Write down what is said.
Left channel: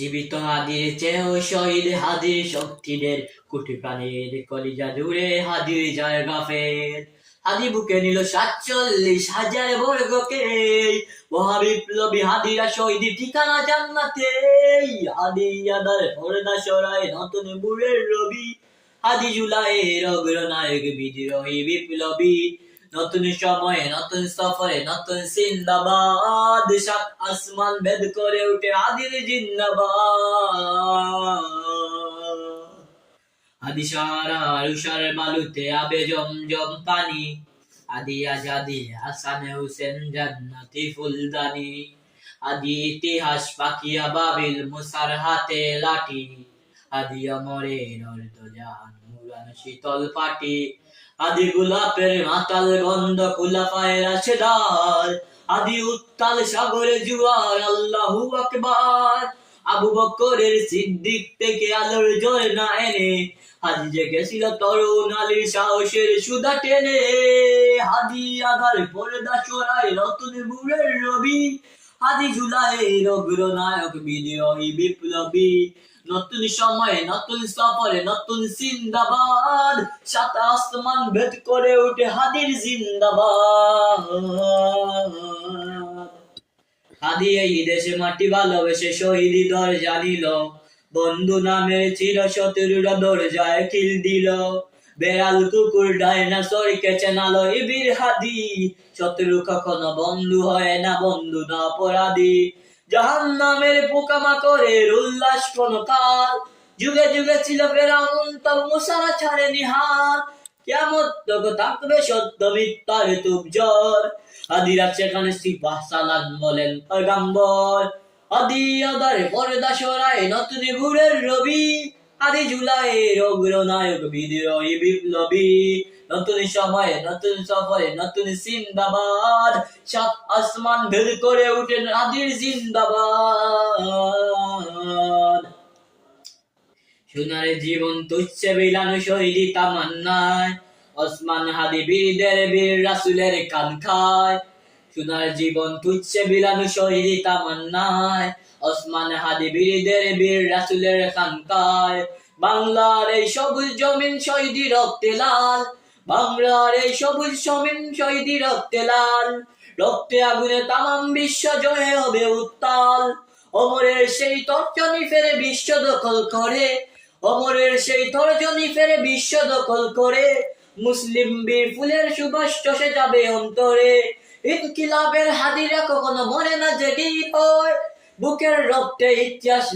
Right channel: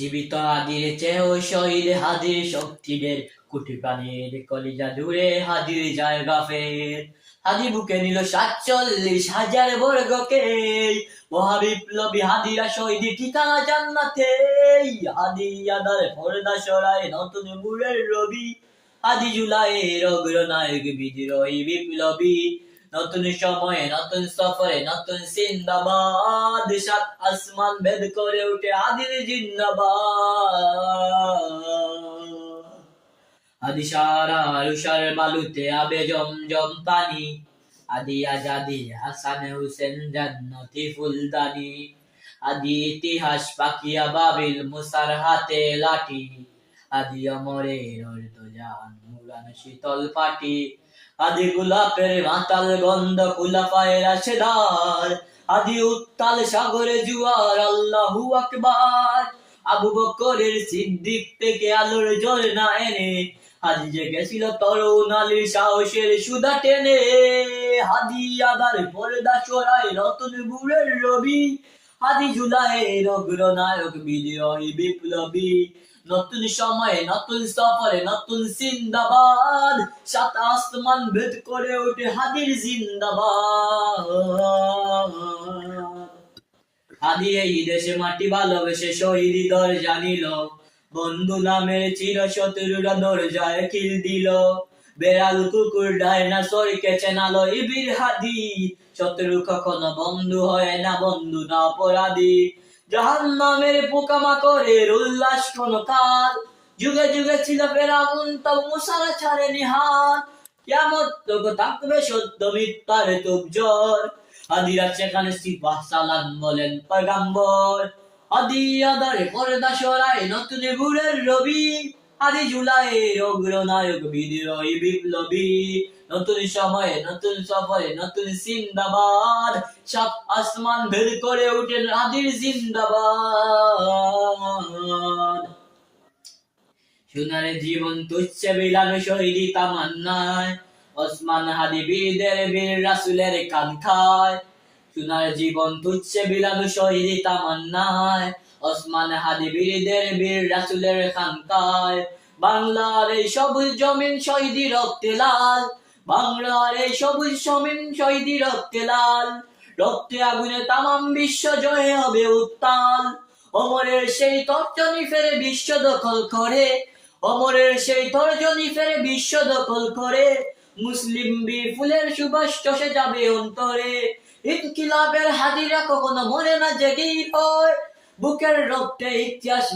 জীবিত হাদির চেয়েও শহীদ হাদির শক্তিদের কোটি প্রাণের কলিজা জুড়ে হাদির জায়গা ফের। হাদি বুকে নিল 47,000 বর্গকে, মহাবিপ্লবী হাদিরা শহীদ ঠিকানা জান্নাতে। হাদি আদার পর্দা সরায় নতুন মুরের রবি, হাদি জুলাইয়ের অগ্রনায়ক বিদ্রোহী বিপ্লবী। নতুন সময়ে নতুন সফরে নতুন জিন্দাবাদ, সাত আসমান ভেদ করে উঠে হাদির জিন্দাবাদ। হাদি সারা উষার বালুতে আবে জমজম পানি, হাদি আজাদি হাসান হুসেন জান্নাতি ফুলদানি। হাদি ইতিহাস পাকিয়া বাবিল মুসার হাতে লাঠি, হাদি অমরের অর্ধজান মুরান শীতল পাটি। হাদি গোলাপের মাতাল গন্ধ খুলাফায়ে রাশেদার, হাদি উত্তাল সাগরে জুয়ার আল্লাহু আকবার। আবু বকরের সিদ্দিক থেকে আলোর ঝর্ণা এনে, হাদি জেগেছিল তরুণ আলীর সাহসের সুধা টেনে। হাদি আদার পর্দা সরায় নতুন মুরের রবি, হাদি জুলাইয়ের অগ্রনায়ক বিদ্রোহী বিপ্লবী। নতুন সময়ে নতুন সফরে নতুন জিন্দাবাদ, সাত আসমান ভেদ করে উঠে হাদির জিন্দাবাদ। হাদি এই দেশে মাটি ভালোবেসে শহীদি দরজা নিল, বন্ধু নামের চির শত্রুরা দরজায় কিল দিল। বেড়াল কুকুর ডাইনোসরকে চেনালো এই বীর হাদি, শত্রু কখনো বন্ধু হয় না, বন্ধু না অপরাধী। জাহান্নামের পোকামাকড়ের উল্লাস কোন কাল, যুগে যুগে ছিল ফেরাউন তবু মুসা ছাড়েনি হাত। কিয়ামত তখন থাকবে সত্য মিথ্যার তুবজর, হাদিরা সেখানে সিপাহ সালান বলেন পয়গাম্বর। হাদি আদারে পর্দা সরায় নতুন মুরের রবি, হাদি জুলাইয়ের অগ্রনায়ক বিদ্রোহী বিপ্লবী। নতুন সময়ে নতুন সফরে নতুন জিন্দাবাদ, সাত আসমান ভেদ করে উঠেন হাদির জিন্দাবাদ। সোনার জীবন তুচ্ছে বিলানো শহীদি তামান্নায়, ওসমান হাদি বীরদের বীর রাসূলের কাঙ্ক্ষায়। সোনার জীবন তুচ্ছে বিলানো শহীদি তামান্নায়, ওসমান হাদি বীরদের বীর রাসূলের কাঙ্ক্ষায়। বাংলার এই সবুজ জমিন শহীদি রক্তে লাল, বাংলার এই সবুজ জমিন শহীদি রক্তে লাল। রক্তে আগুনে তামাম বিশ্ব জয় হবে উত্তাল, অমরের সেই তর্জনী ফেরে বিশ্ব দখল করে, অমরের সেই তর্জনী ফেরে বিশ্ব দখল করে। মুসলিম বীর ফুলের সুবাস চষে যাবে অন্তরে, ইনকিলাবের হাদিরা কখনো মরে না জেগেই হয়, বুকের রক্তে ইতিহাস